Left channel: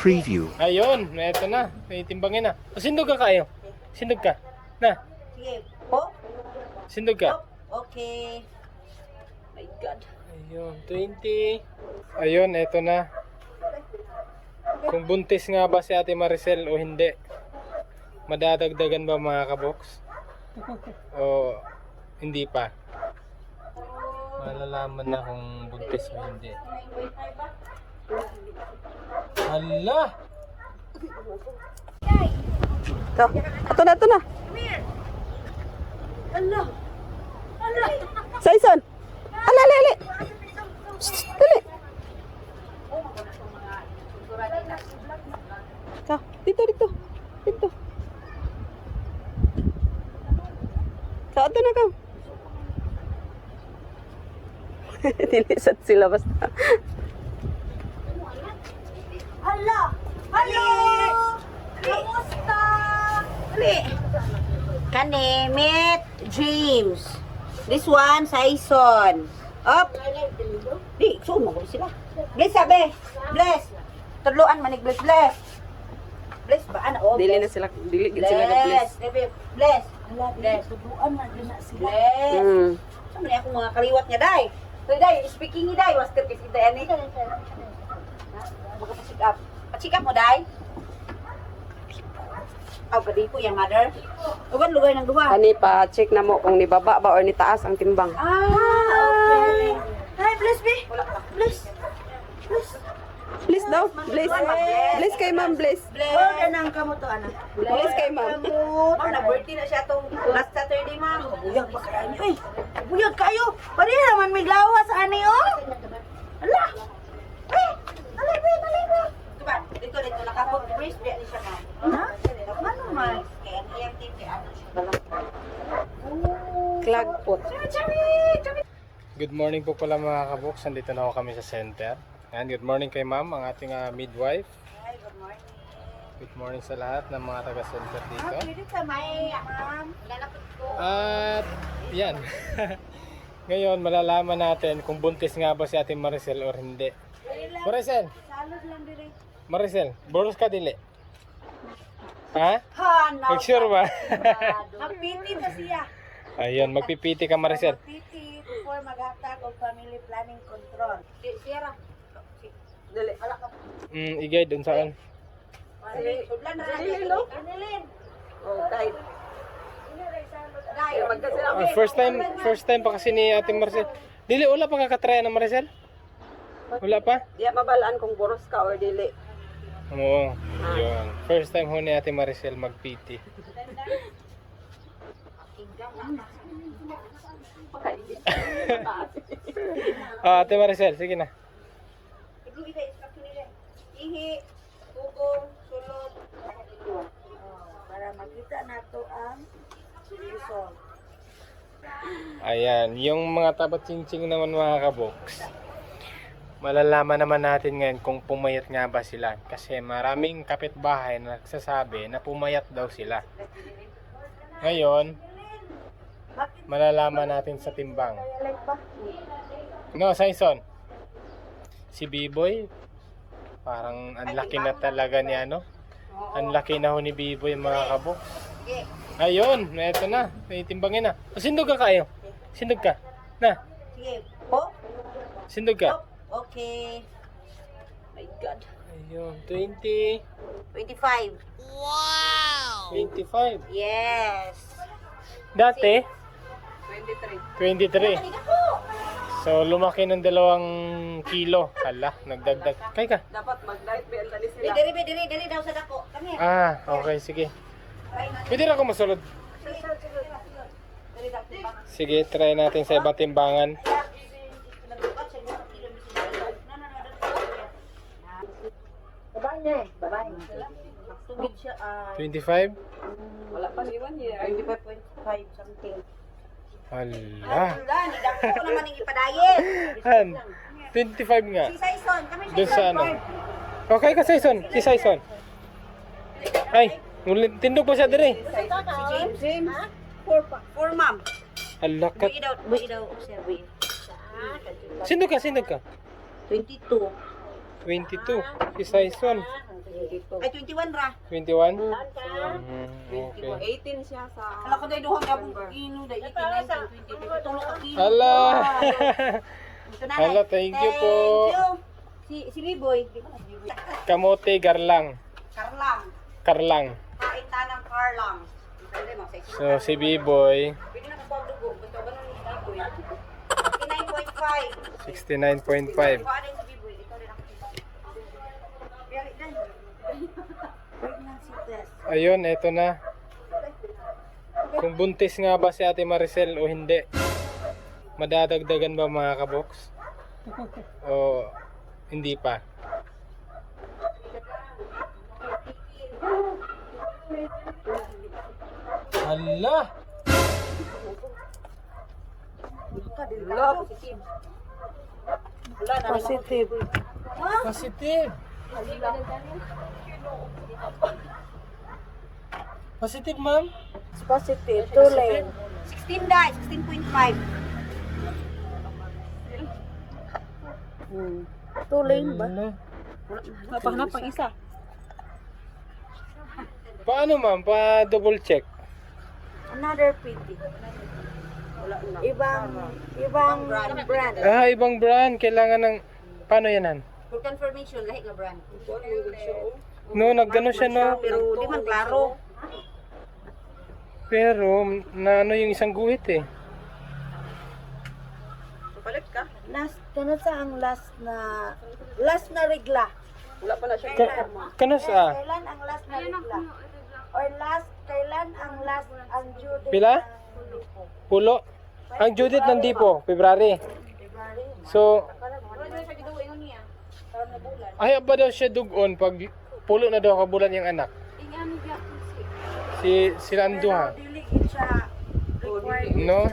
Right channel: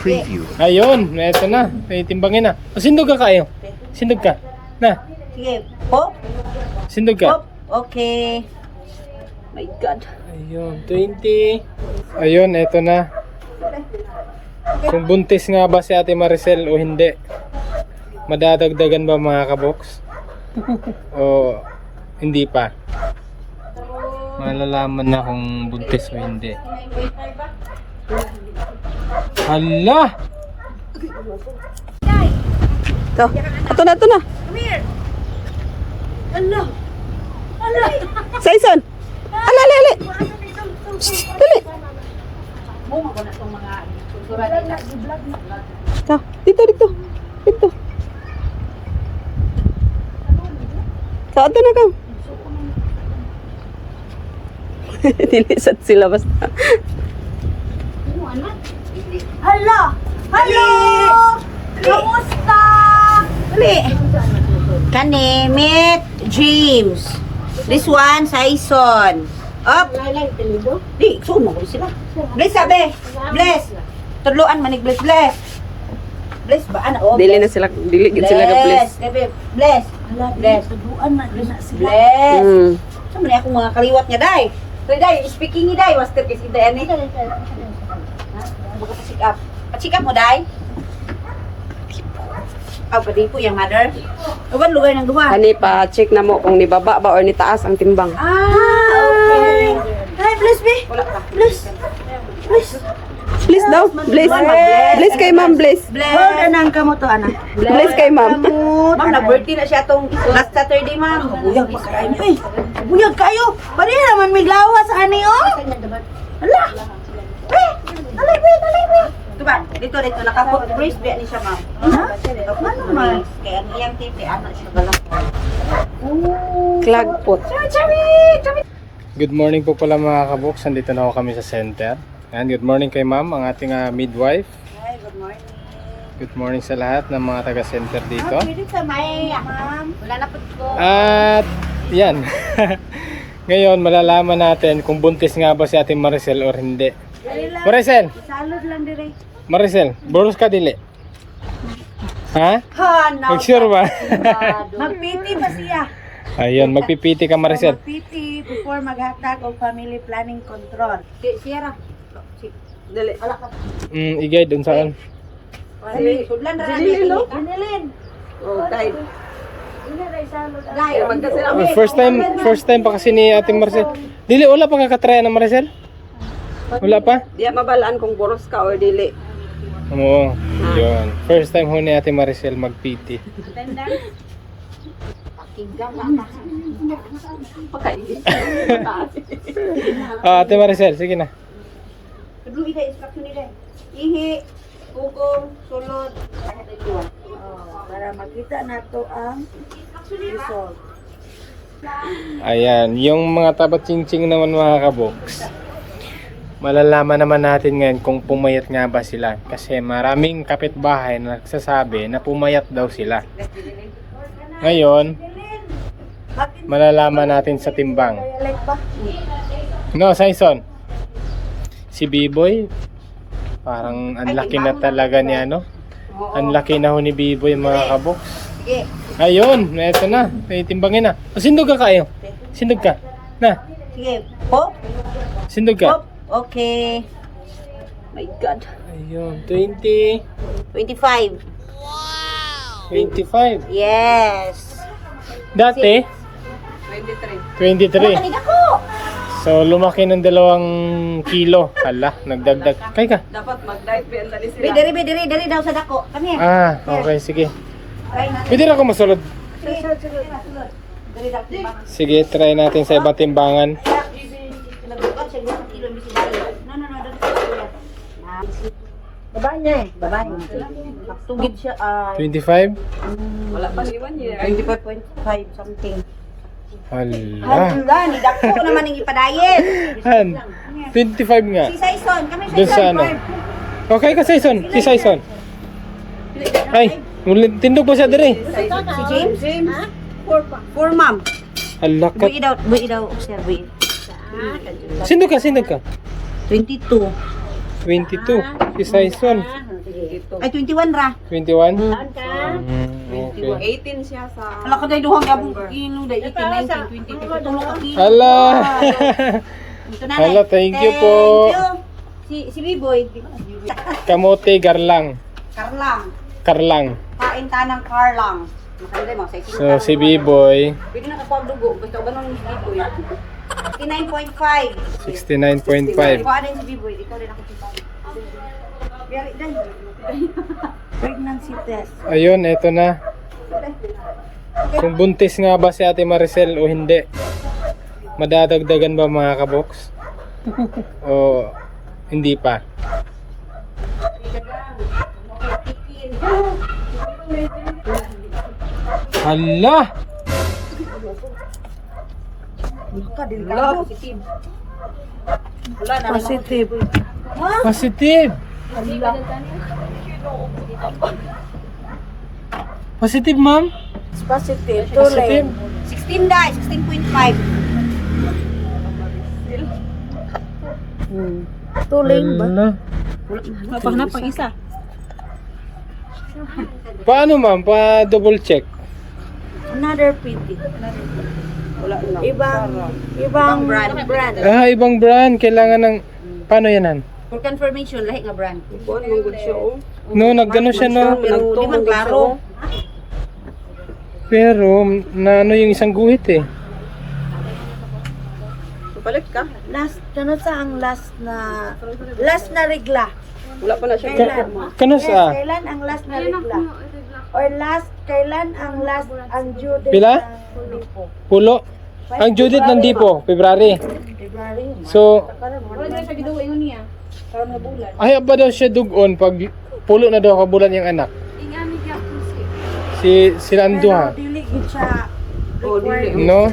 preview. Ayun, eto na. May timbangin na. O, sindog ka kayo. Sindog ka. Na, Sige, pop, sindog ka. pop. Okay. My God. Ayun, 20. Ayun, eto na. Kung buntis nga ba si Ate Maricel o hindi. Madadagdagan ba mga kaboks? o hindi pa? Malalaman na kung buntis o hindi. Hala! Ito. Ito na, ito na. Ano? Ano? Saison. Ala, ala, ala. Dali. Ito. Dito, dito. Dito. Sa ito na ka. Nilisat sila basta. Hala! Hello! Kamusta? Dali! Kani, meet James. This one, Saison. Up! Di, sumo ko sila. Bless, sabi! Bless! Tudloan manig bless, bless! Bless ba? Ano? Oh, Dili na sila, dili gid sila ka please. Gabi, bless! Bless! Tudloan na Bless! Mm. Sa man akong mga kaliwat nga, day. Day, day, speaking ni day, master kasi day, ani. Buka pa. Pa-check up mo, day. Ah, pwede po yung mother. Uban lugar ng duha. Ani pa check na mo kung ni baba ba or ni taas ang timbang. Ah, okay. Hi, bless me. Wala ka. Bless. Bless. Bless daw. Bless. Bless kay ma'am, bless. Bless. Hold anang kamo to, anak. Bless kay ma'am. Ma'am, na-birthday na siya tong last Saturday, ma'am. Buyag pa kayo. Buyag kayo. Pari naman may lawa sa ani, oh. Hala. Alay, wait, alay, wait. Ito ba? Dito, dito. Nakapot. Brace ba ni siya, ma'am? Ha? Ano, ma'am? Kaya ang iyang tipi, ano siya galak. Clag pot. Chami, chami. Good morning po pala mga kaboks. Nandito na ako kami sa center. And good morning kay ma'am, ang ating ah, midwife. Hi, good morning. Good morning sa lahat ng mga taga-center dito. Pwede sa may, ma'am. Wala na po ko. At yan. Ngayon, malalaman natin kung buntis nga ba si Ate Maricel or hindi. Maricel, Salud lang dire. Maricel, boros ka dili. Ha? Ha, na. Mag-sure ba? Magpiti pa siya. Ayun, magpipiti ka Maricel. Magpiti before maghatag og family planning control. Si Sierra. Dali. Ala ka. Mm, igay dun saan. Dali, sudlan ra ni. Dinilin. Oh, Dai, First time, first time pa kasi ni Ate Maricel. Dili, wala pa kakatrya ng Maricel? Wala pa? di mabalaan kung boros ka or dili. Oo, yun. First time ho ni Ate Maricel mag-PT. Ah, Ate Maricel, sige na. Ihi, ugong, sulod. Oh, para makita nato ang result. Ayan, yung mga tabat ching naman mga kaboks. Malalaman naman natin ngayon kung pumayat nga ba sila. Kasi maraming kapitbahay na nagsasabi na pumayat daw sila. Ngayon, malalaman natin sa timbang. No, Saison. Si B-Boy, parang ang laki na talaga ni ano. Ang laki na ho ni B-Boy mga kaboks. Ayun, eto na. Timbangin na. O, sindog ka kayo. Sindog ka. Na, Sige. Pop. sindog ka. Okay. My God. Ayun, 20, 25. 25. Yes. Dati, 23. 23. Kanina ko. So, lumaki ng dalawang kilo. Hala, nagdagdag. Kay ka. Dapat mag-dive bell na Be, diri, be, diri, diri daw sa dako. Kami. Ah, okay, sige. Try natin. Pwede na ako masulod. Sige. Diri daw. Sige, try natin sa ibang timbangan. Nagbukat siya ng kilo ng bisig dali. No, no, no, dito sa kuya. Ah, Babae niya eh. Babae. Tugid siya ay 25? Wala pa ni 1 year. 25.5 something. Hala. Hala, ni dako naman ang ipadayin. Han, 25 nga. Si Saison, kami Doon sa ano? Okay ka, Saison. Si Saison. Ay, ulit- tindog pa siya dire. Si James? James. For, for mom. Hala ka. Bu'i daw, bu'i daw, sir, bu'i. Sindog ka, sindog ka. 22. 22. Si Saison. Ay, 21 ra. 21? Hmm. Mm, okay. 18 siya sa... Ala ka dahil duhang gabong kilo dahil 18, 19, 20, 22 ka kilo. Hala! Hala, thank you po. Si, si Biboy, Kamote garlang. Karlang. Karlang. Kain ta ng Karlang. So, si B-Boy, Pwede na ako ang dugo. Basta ba nung Biboy? 69.5. 69.5. Ikaw din si Biboy. Ikaw ako Biboy. Day. Pregnancy test. Ayun, eto na. Kung buntis nga ba si Ate Maricel o hindi. Madadagdagan ba mga kaboks? o hindi pa? Hala! Wala, positive. Wala na. Positive. Positive! Positive, ma'am? Positive. Positive? 16 day, 16.5. Hmm. Tuling ba? Hala. Napahanap pang isa. Paano ma'am? Pa double check. Another PT. Ibang, ibang brand. brand. Ah, ibang brand. Kailangan ng... Paano yan, han? For confirmation, lahi nga brand. Kuan mong good siya oh. No, nagano siya, no? Pero di man klaro. Pero, na ano yung isang guhit eh. Palit ka. Last, ano sa ang last na, last na regla? Wala pa na siya. Kailan? Kanos Yes, ah? kailan ang last na regla? Or last, kailan ang last, ang due date Pila? ng lipo? Pulo. Ang due date ng Dipo, February. February. So, ay ba daw siya dugon pag pulo na daw kabulan yung anak? Si sila ang duha. Pero dili gid siya required. No?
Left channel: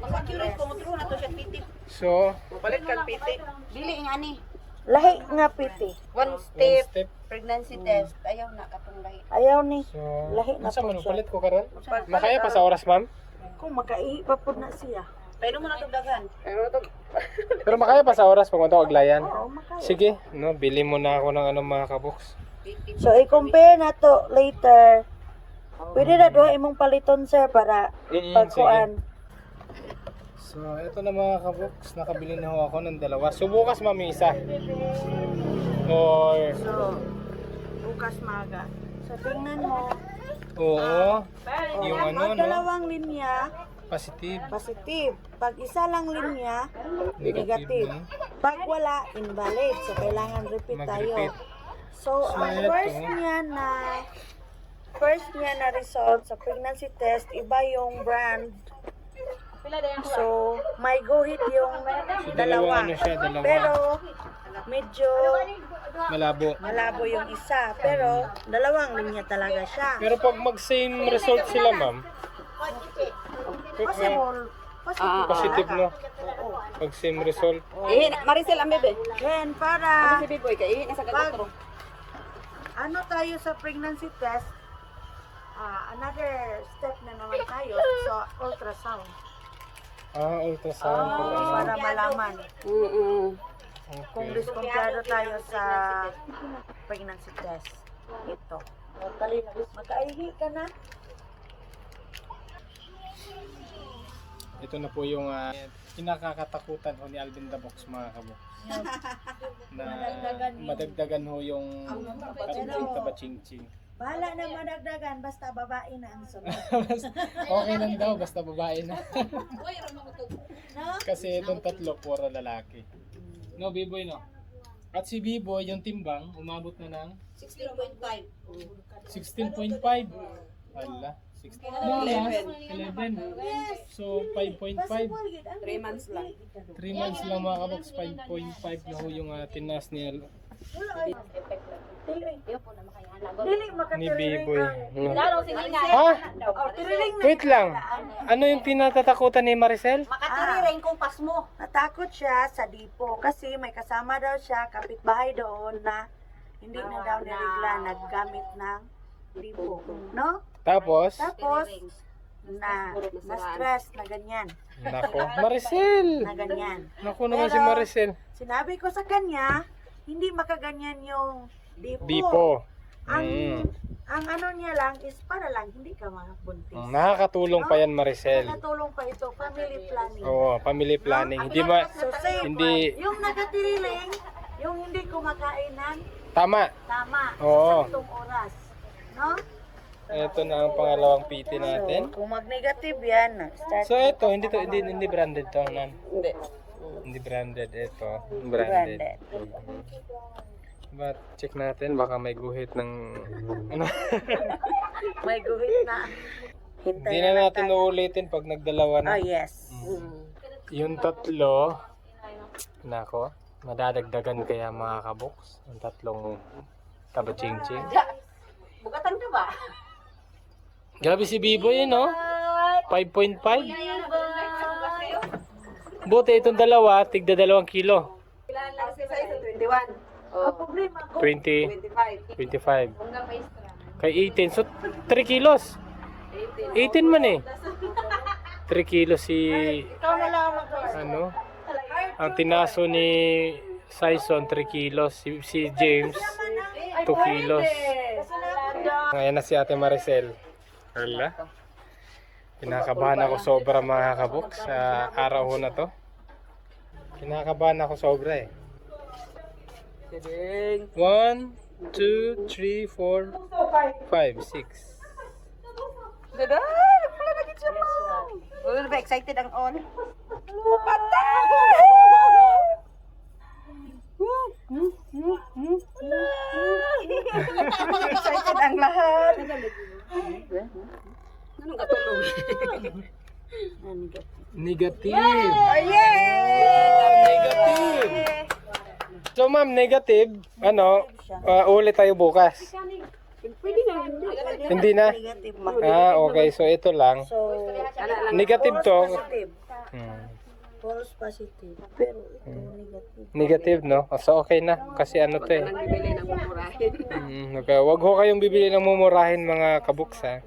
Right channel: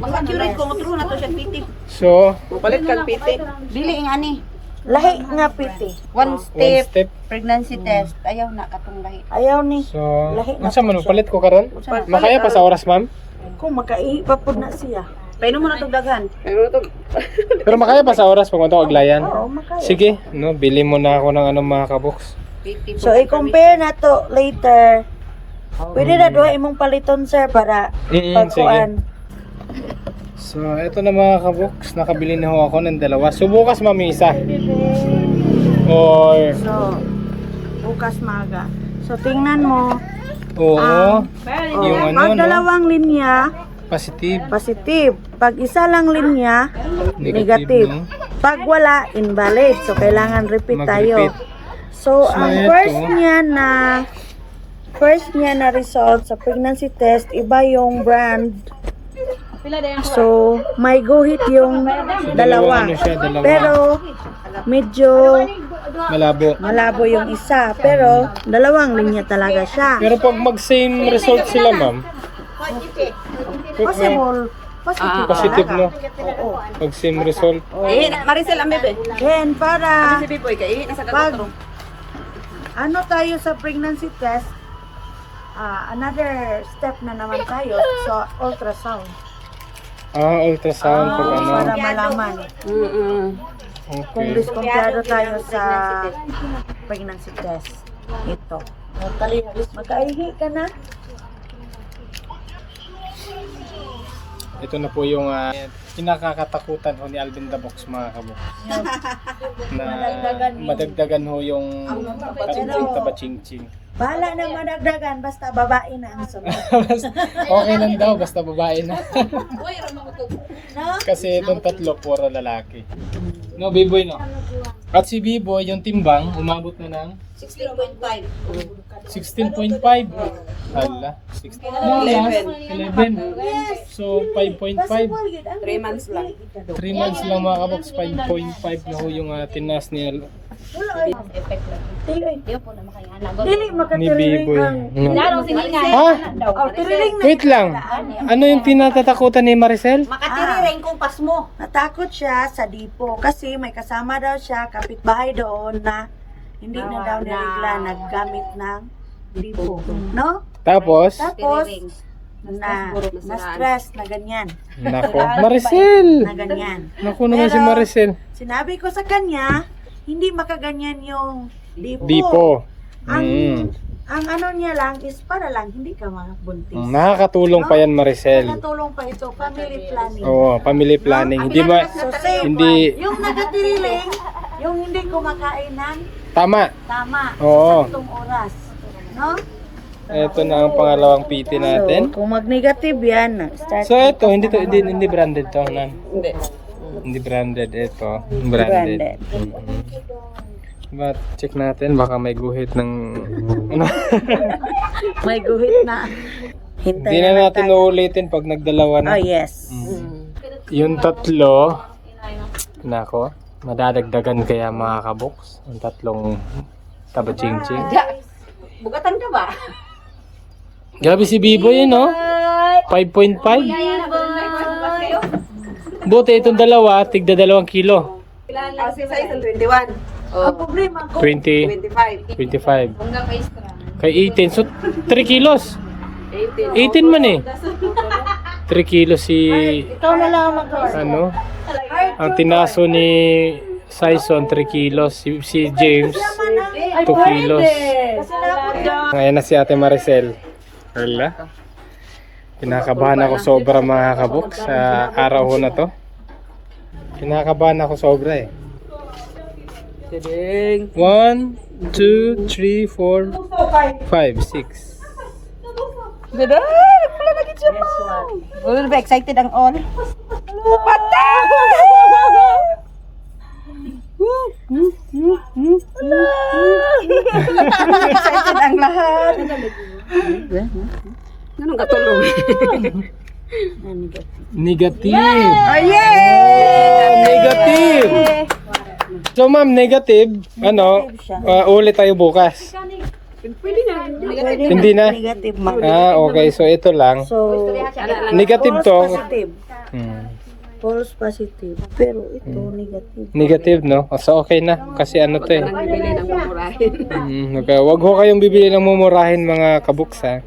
Mas accurate ko, true na to siya PT. So, Palit ka piti. Dili nga ni. Lahi nga piti. One one step, step. pregnancy test. Ayaw na katong lahi. Ayaw ni. So, unsa man palit ko karon? Makaya pa sa oras, ma'am? Kung makaihi pa po na siya. Painom mo na itong daghan. Pero makaya pa sa oras pag ito aglayan. Oo, makaya. Sige, no, bili mo na ako ng ano mga kaboks. PT. So, i-compare na to later. Pwede na duha imong paliton, sir, para Mm, sige. pagkuan. So, eto na mga kaboks, nakabili na ho ako ng dalawa. So, bukas mami isa. Or, So, bukas maga. So, tingnan mo. oo, yung ano, Pag no? dalawang linya, Positive, positive. Pag isa lang linya, negative, negative. no? Pag wala, invalid. So, kailangan repeat tayo. So, So, ang ito. first niya na first niya na result sa pregnancy test, iba yung brand. So, may guhit yung Dalawang dalawa. ano siya, dalawa. Pero, medyo Malabo. malabo yung isa. Pero, dalawang linya talaga siya. Pero pag mag-same result sila, ma'am, Possible. Positive, positive, talaga. no? Oo. Pag same result. Eh, Maricel ang bebe. Then, para nasa pag ano tayo sa pregnancy test, ah, another step na naman tayo sa ultrasound. Ah, ultrasound pag ano. Para malaman Mm-mm. kung Okay. diskumpiyado tayo sa pregnancy test. Ito. Magkaihi ka na? Ito na po yung uh, kinakakatakutan ho ni Alvin the Box mga kabok. na madagdagan ho yung tabatsing Bahala na madagdagan, basta babae na ang sunod. okay lang daw, basta babae na. No? Kasi itong tatlo, puro lalaki. No, B-boy no? At si B-boy, yung timbang, umabot na ng 16.5. 16.5. Hala, 16. No, last, 11. So, 5.5. Possible yun. Ang 3 months lang. 3 months lang mga kabox, 5.5 na ho yung uh, tinas ni, Wala ay. Dili. Dili ni makatiriling B-boy. ang... No. Ha? Oh, tiriling na. Wait lang. Ano yung tinatatakutan ni Maricel? Makatiri rin kung pas mo. Natakot siya sa dipo kasi may kasama daw siya kapitbahay doon na hindi na daw nirigla naggamit ng dipo. No? Tapos, Tapos, na, na stress na ganyan. nako, Maricel! Na ganyan. Naku naman si Maricel. Sinabi ko sa kanya, hindi makaganyan yung dipo. Di po. Ang, Mm. ang ano niya lang is para lang hindi ka mabuntis. Mm, Nakakatulong pa yan Maricel. Nakatulong pa ito, family planning. Oo, family planning. Hindi So, safe. hindi Yung nagatiriling, yung hindi kumakain ng tama. tama Oo. sa saktong oras. No? Ito na ang pangalawang PT natin. Kung mag-negative yan, start So ito, hindi to hindi, hindi branded to, nan. Hindi. Hindi branded ito, branded. Branded. Mm-mm. But check natin baka may guhit ng may guhit na. Hindi na natin uulitin pag nagdalawa na. Oh, yes. Mm. Yung tatlo, nako, madadagdagan kaya mga kaboks. Ang tatlong taba-ching-ching. Bugatan ka ba? Grabe si Bibo yun, no? 5.5. Buti itong dalawa, tigda dalawang kilo. Ah, si size ang 21. Ang problema ko, 20, 25. 25. Kay 18, so 3 kilos. 18. 18 man eh. 3 kilos si, ikaw na lang ang mag ano, ang tinaso ni Sison 3 kilos, si, si James 2 kilos. Ngayon na si Ate Maricel. Wala. Kinakabahan ako sobra mga kabok sa araw ho na to. Kinakabahan ako sobra eh. Kidding. 1, 2, 3, 4, 5, 6. Ganda! Wala na siya pa. Wala ba excited ang on? Patay! excited ang lahat. Anong katulong? Negative. Oh, yay! Negative. So ma'am, negative, ano, uh, ulit tayo bukas. Pwede na. Hindi na? Negative man. Ah, okay. So ito lang. So, Negative false to. positive. Hmm. False positive. Pero ito, negative. Negative, no? So okay na. Kasi ano to eh. Nang bibili ng mumurahin. Mm, okay. Wag ho kayong bibili ng mumurahin mga kabuks ha.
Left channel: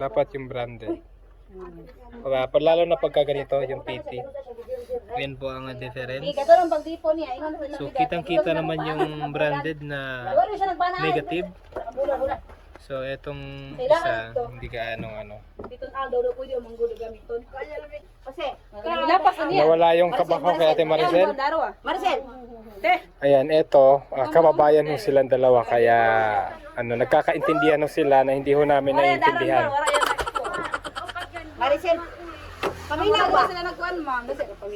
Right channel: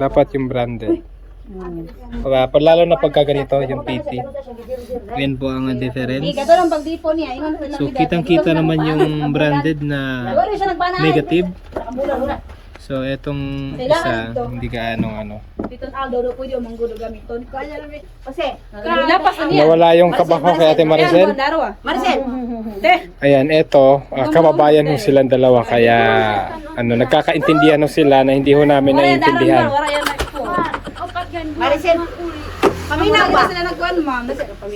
Dapat yung branded. Uh, lalo na pagka ganito, yung PT. Yan po ang difference. So kitang kita naman yung branded na negative. So etong isa, hindi ka anong ano. Nawala yung kabaho kay Ate Maricel. Ayan, eto, ah, kababayan ho silang dalawa kaya ano, nagkakaintindihan ho sila na hindi ho namin naiintindihan. Maricel, paminaw ba? sila nagkuhan, ma'am.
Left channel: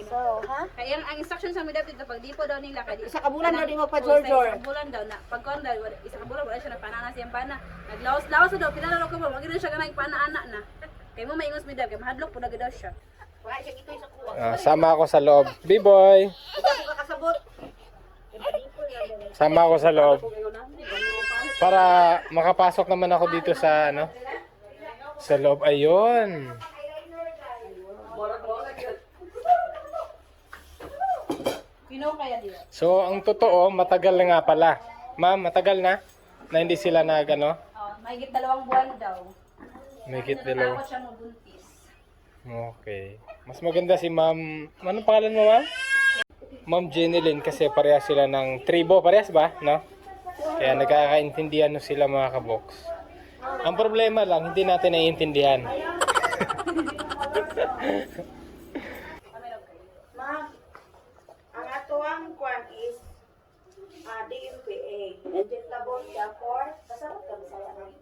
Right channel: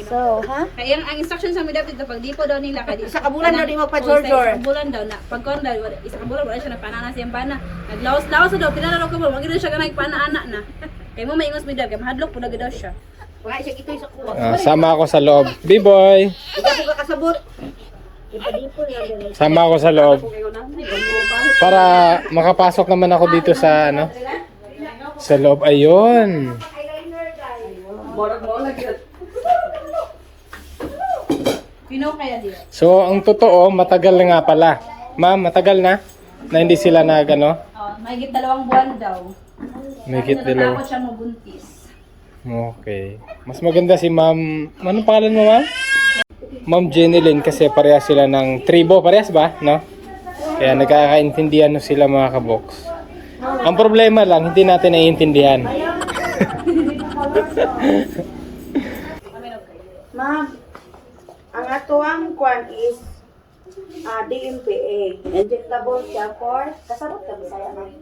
So, ha? Kaya ang instruction sa mga dapat pag di po daw nila kadi Isa ka bulan daw di Oh, magpa-jor-jor. Isa ka bulan daw na pag kon daw isa ka bulan wala siya na siyang bana. Naglawas-lawas na daw pinala daw ko mo magid siya kanay pana anak na. Kay mo maingos mi daw kay mahadlok pud daw siya. Wala siya ito sa kuha. Ah, sama ako sa loob. B-boy! Ikaw ko kasabot. Sama ako sa loob. Para makapasok naman ako dito sa ano? Sa loob. Ayun. Pino kaya di. So, ang totoo, matagal na nga pala. Ma'am, matagal na? Na hindi sila nag ano? Oh, mahigit dalawang buwan daw. May kit dalawa. Natatakot siya mabuntis. Okay. Mas maganda si ma'am... Ano pangalan mo ma'am? Ma'am Jenilyn kasi parehas sila ng tribo. Parehas ba? No? Kaya nagkakaintindihan no sila mga kaboks. Ang problema lang, hindi natin naiintindihan. Ma'am, ang atuang kwan is ah DMPA. Injectable siya for, kasabot ka bisaya ma'am.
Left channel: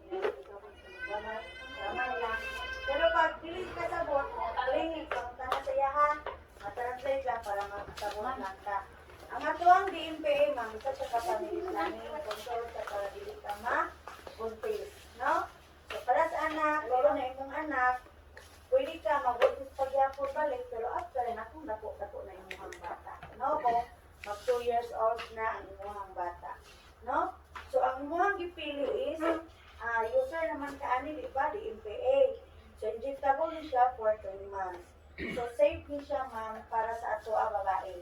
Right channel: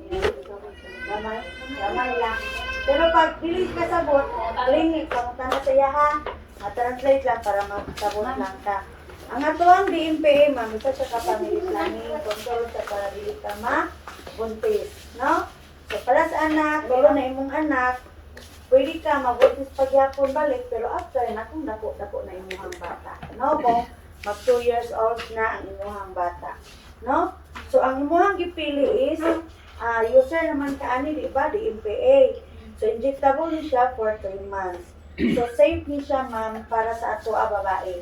Gamay, gamay lang. Pero pag dili kasabot, clinic, kamutan na sa ha. Ma-translate lang para makasabot lang ka. Ang atuang DMPA, ma'am, isa siya ka family planning, control sa para dili ka ma buntis, no? So para sa anak, tulo na imong anak, pwede ka mabuntis pagyapon balik pero after na kung dako dako na imuhang bata. No kung mag 2 years old na ang imuhang bata. No? So ang imuhang gipili is ah user naman kaani di ba di MPA so injectable ni siya for 3 months. So safe ni siya ma'am para sa ato a babae.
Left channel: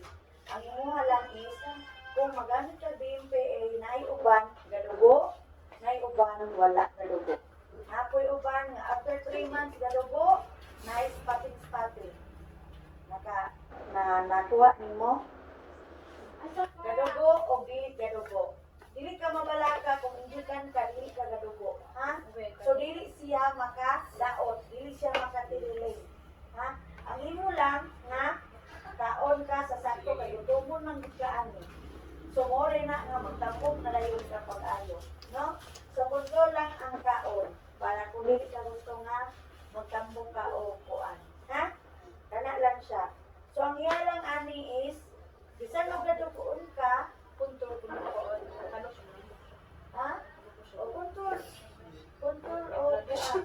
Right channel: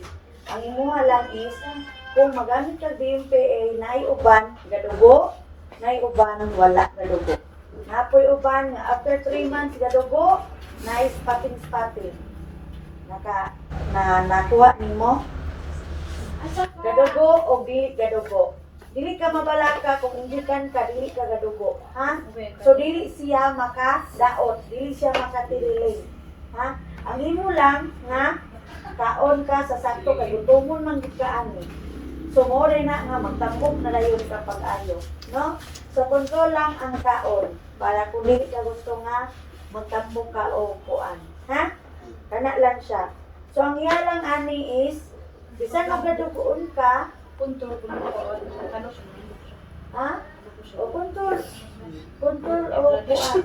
Ang imuha lang is kung magamit ka DMPA na uban gadugo na uban wala gadugo. Napoy uban after 3 months gadugo, na spotting spotting. Naka na nakuha nimo. Gadugo o bi gadugo. dili ka mabalaka kung injikan ka, dili ka gadugo. Ha? So dili siya makadaot, dili siya makatililing. Ha? Ang imo lang nga kaon ka sa sakto kay gutumon man gid ka ani. So mo na nga magtambok na dayon ka pag-ayo, no? So control lang ang kaon para kung dili ka gusto nga magtambok ka o kuan. Ha? Kana lang siya. So ang iya lang ani is bisan magadugoon ka, Punto, punto, ano ha? O control. Control o kuan.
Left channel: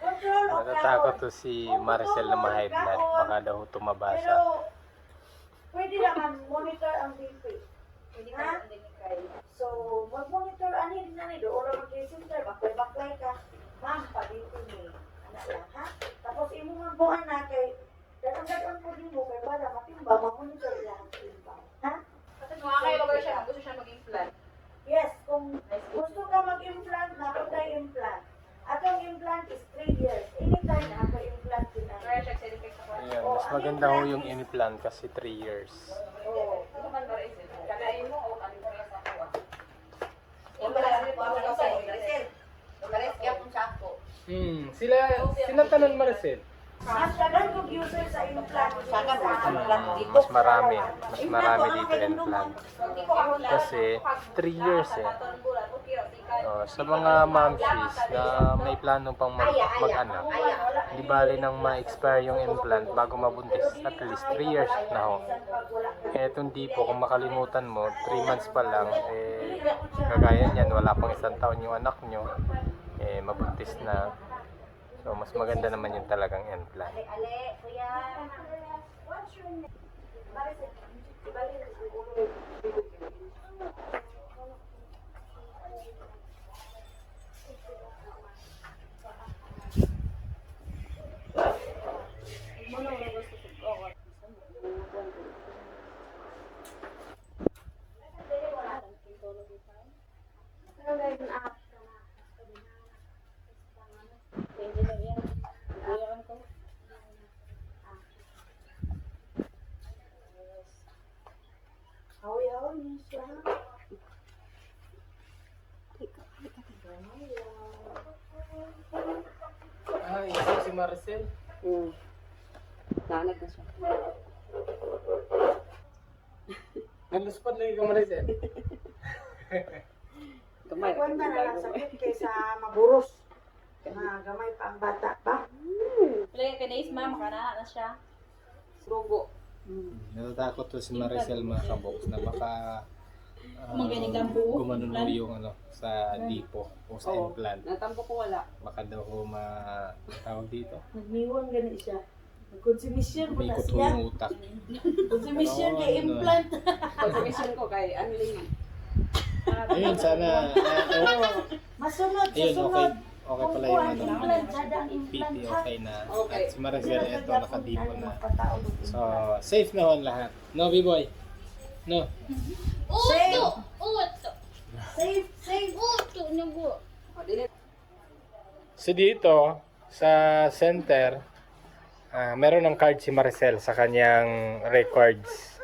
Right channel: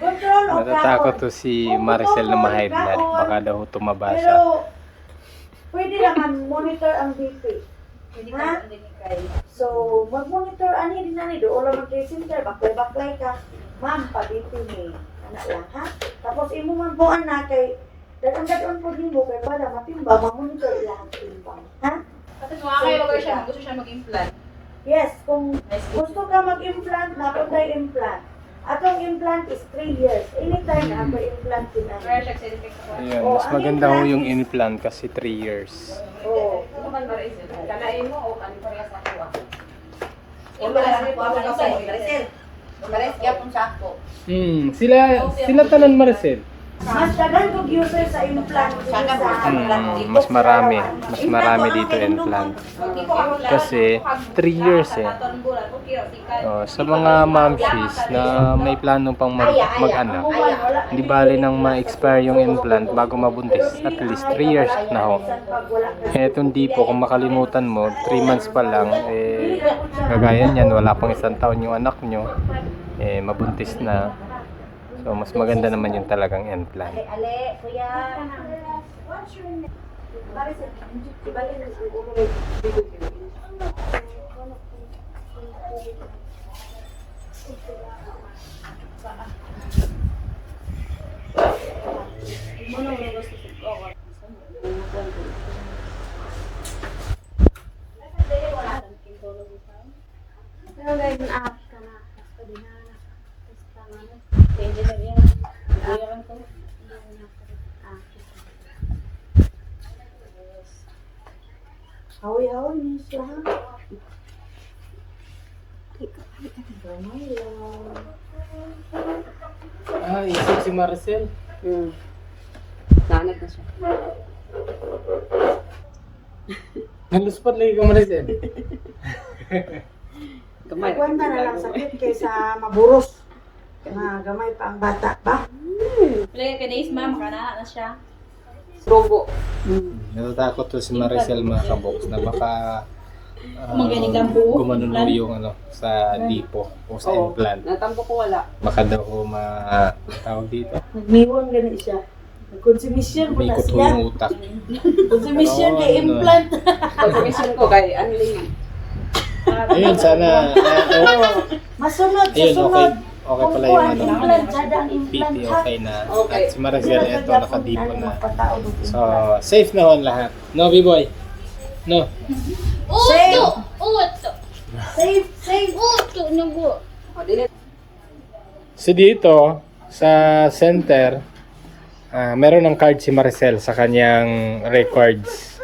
Control o Natatakot to si Maricel na ma-high blood. Baka daw tumaba siya. Pero pwede naman monitor ang BP. Ha? So, mag-monitor ani din nani do ola mag center baklay baklay ka. Ma'am, pa BP ni. Ana lang ha. Tapos imo man po na kay dadon-dadon po nimo kay para matimba mag-monitor ilang timbang. Ha? Tapos mga kayo mag siya, gusto siya mag-implant. Yes, kung gusto ka mag-implant, napunta implant. Atong implant is 3 years. Anytime na ako implant din ako. Ayun, Oh, mas ang maganda ho implant yung implant kasi 3 years. Oh. Ano kan Maricel? Kanain mo o kan parehas ako ah? Yung mga sakto ako kasi, Maricel. Pares gyapon sakto. Hmm, sila sila tanan Maricel. Mas dagan kog user sa implant sa Hmm, mas marami, mas marami dito implant. Kasi 3 years eh. Oh, sa mga momshies na may plano pang mag- mag-anak, hindi bali nang ma-expire yung implant bago mabuntis. At least 3 years na ho. Eh, itong dipo, kung makalimutan mo, 3 months pa lang, eh, kagaya niyan, wala pang isang taon yung anak nyo, eh, mabuntis na. So, mas maganda naman yung talagang implant. Kay Ale, kuya. Hawi-hawi niya siya. Gamay lang. Ah, isip si Marcel. Hmm. Nanag na siya. Naluspat lagi ka Marcel. Gamay. Kwenta na lang sakit kaysa maburos. Na gamay pa ang bata ba? Play ka days ma'am, kana na siya. Robo. Natatakot to si Maricel mga kabox na baka ah, Magaling ang buo. gumanuno yung ano sa lipo o sa Oo. implant. Natampo ko wala. Baka daw ho ma tawag dito. Nagmiwon gani siya. Nagkonsumisyon po May na kuto siya. yung utak. Konsumisyon Oo, kay ano. implant. Pag-commission ko kay Anling. Ayun, sana. ah, oh, Masunod ayun, okay. Okay pala yung ano. ha. okay na. At si Maricel, eto nakadipo na. So, safe na ho ang lahat. No, B-boy? No. Safe. Uto! Safe, safe. Uto na po! O, dili. So dito, sa center, ah meron ng card si Maricel sa kanyang records.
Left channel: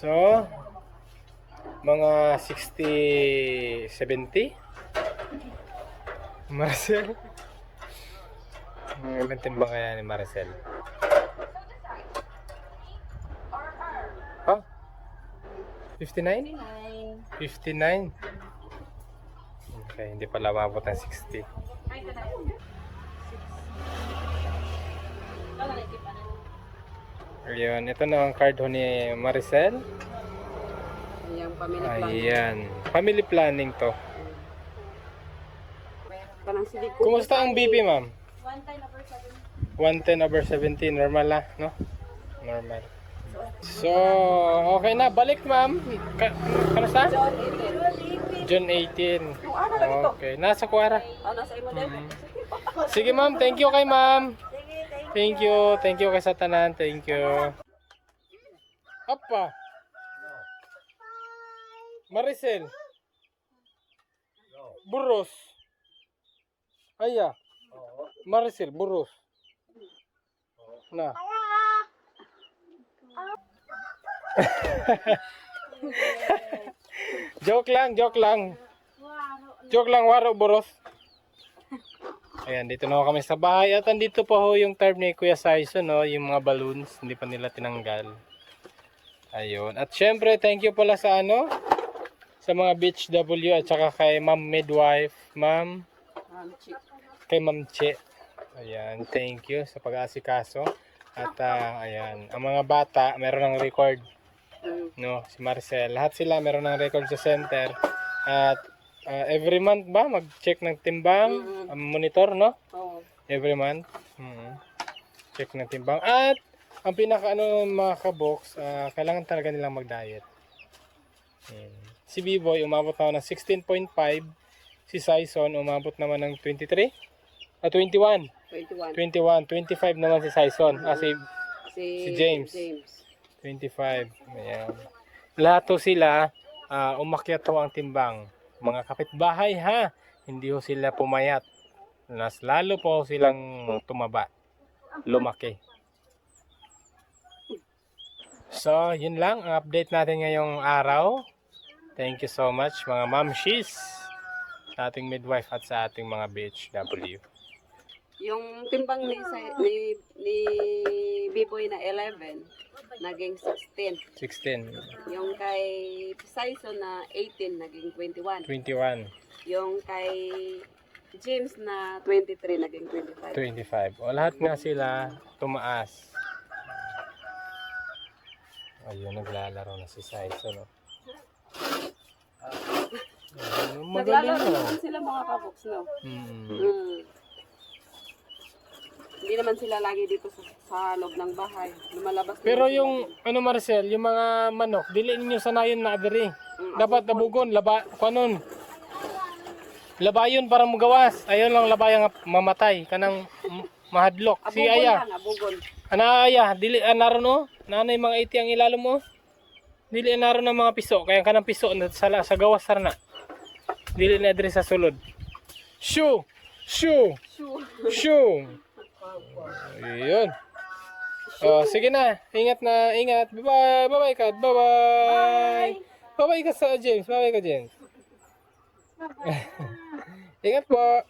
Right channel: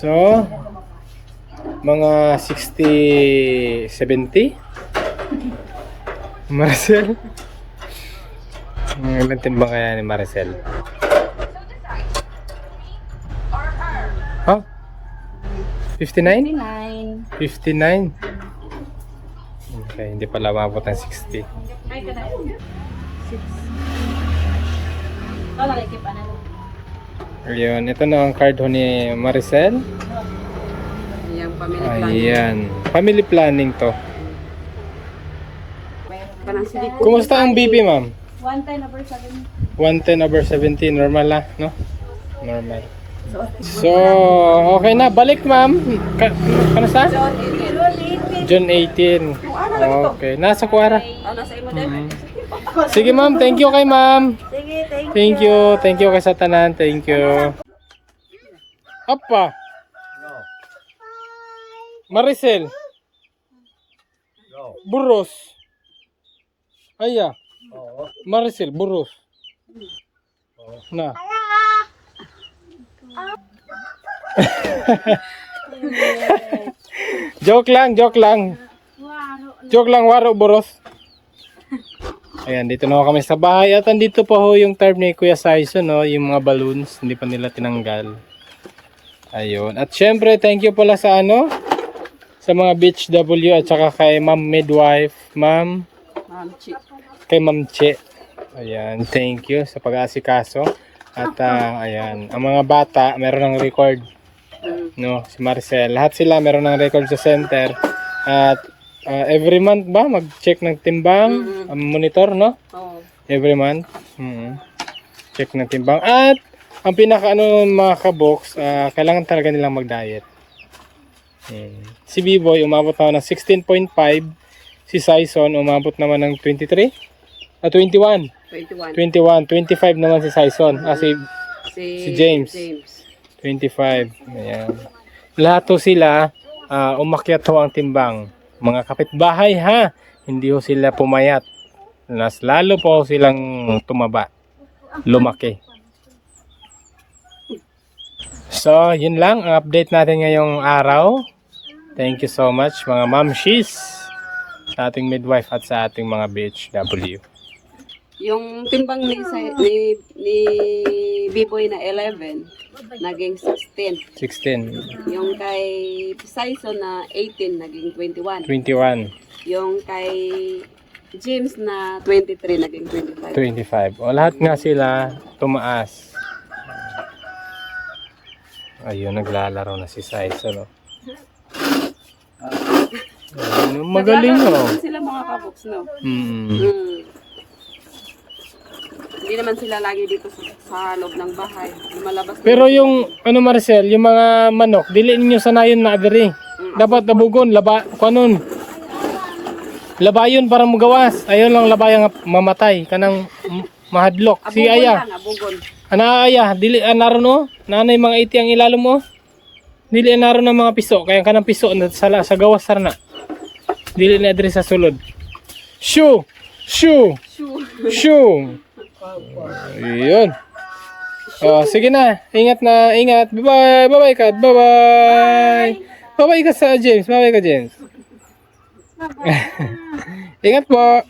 So, mga 60, 70? Maricel? Ang ilan timbang kaya ni Maricel? Huh? 59? 9. 59? Okay, hindi pala mabot ng 60. Ay, kana. 6. Wala kay kipa na. Ayun, ito na ang card ho ni Maricel. Yung family plan. Ayan. Family planning to. Kumusta ang BP, ma'am? 1 time over 7. 110 over 70, normal lang, no? Normal. So, okay na. Balik, ma'am. Ka ano sa? June 18. Okay. Nasa kuwara. Mhm. Sige, ma'am. Thank you kay ma'am. Sige, thank you. Thank you. Thank you kay sa tanan. Thank you. Apa? Maricel. Burros. Aya. Maricel, burros. Na. joke lang, joke lang. Joke lang, waro boros. Ayan, dito na kami sa bahay. At andito pa ho yung term ni Kuya Saison, no? yung mga balloons. Hindi pa nila tinanggal. Ayun. At syempre, thank you pala sa ano? Sa mga Beach W at saka kay Ma'am Midwife. Ma'am, Ma'am Chi. kay Ma'am Che. Ayan, thank you sa pag-aasikaso. At ah, ayan, ang mga bata, meron ng record. No, si Marcel. Lahat sila meron ng record sa center. At ah, every month ba mag-check ng timbang, ang monitor, no? Oo. Every month. Mm Check ng timbang. At ang pinaka ano mga kabox, ah, kailangan talaga nilang mag-diet. Mm. Si B-Boy umabot na ng 16.5. Si Sison umabot naman ng 23. Ah, 21. 21. 21. 25 naman si Sison. Ah, si Si, Si James. James. 25. Ayan. Lahat to sila ah, umakyat ho ang timbang. Mga kapitbahay ha. Hindi ho sila pumayat. Mas lalo po silang tumaba. Lumaki. So, yun lang ang update natin ngayong araw. Thank you so much mga mamshis sa ating midwife at sa ating mga BHW. Yung timbang ni, ni, ni B-Boy na 11, naging 16. 16, Yung kay Sison na 18, naging 21. 21, Yung kay James na 23, naging 25. 25. O lahat nga sila tumaas. Ayun, naglalaro na si Saiso, no? Ayun, magaling? Naglaro sila mga kaboks, no? Mm. Hmm. Hindi naman sila lagi dito sa, sa loob ng bahay. Lumalabas Pero yung, ano Marcel, yung mga manok, dili ninyo sanayon na adiri. Dapat nabugon, laba, kanon. Labayon para mugawas. Ayun lang labayang mamatay. Kanang m- mahadlok. Si Abugon Aya. lang, abugon. Ana aya, dili anaron no. Nanay mga iti ang ilalo mo. Dili anaron ng mga piso, kaya kanang piso na sa sa gawas sarna. Dili na diri sa sulod. Shoo! Shoo! Shoo! Ayun. Oh, sige na. Ingat na, ingat. Bye-bye. Bye-bye ka. Bye-bye. Bye-bye ka sa James. Bye-bye ka James. ingat po.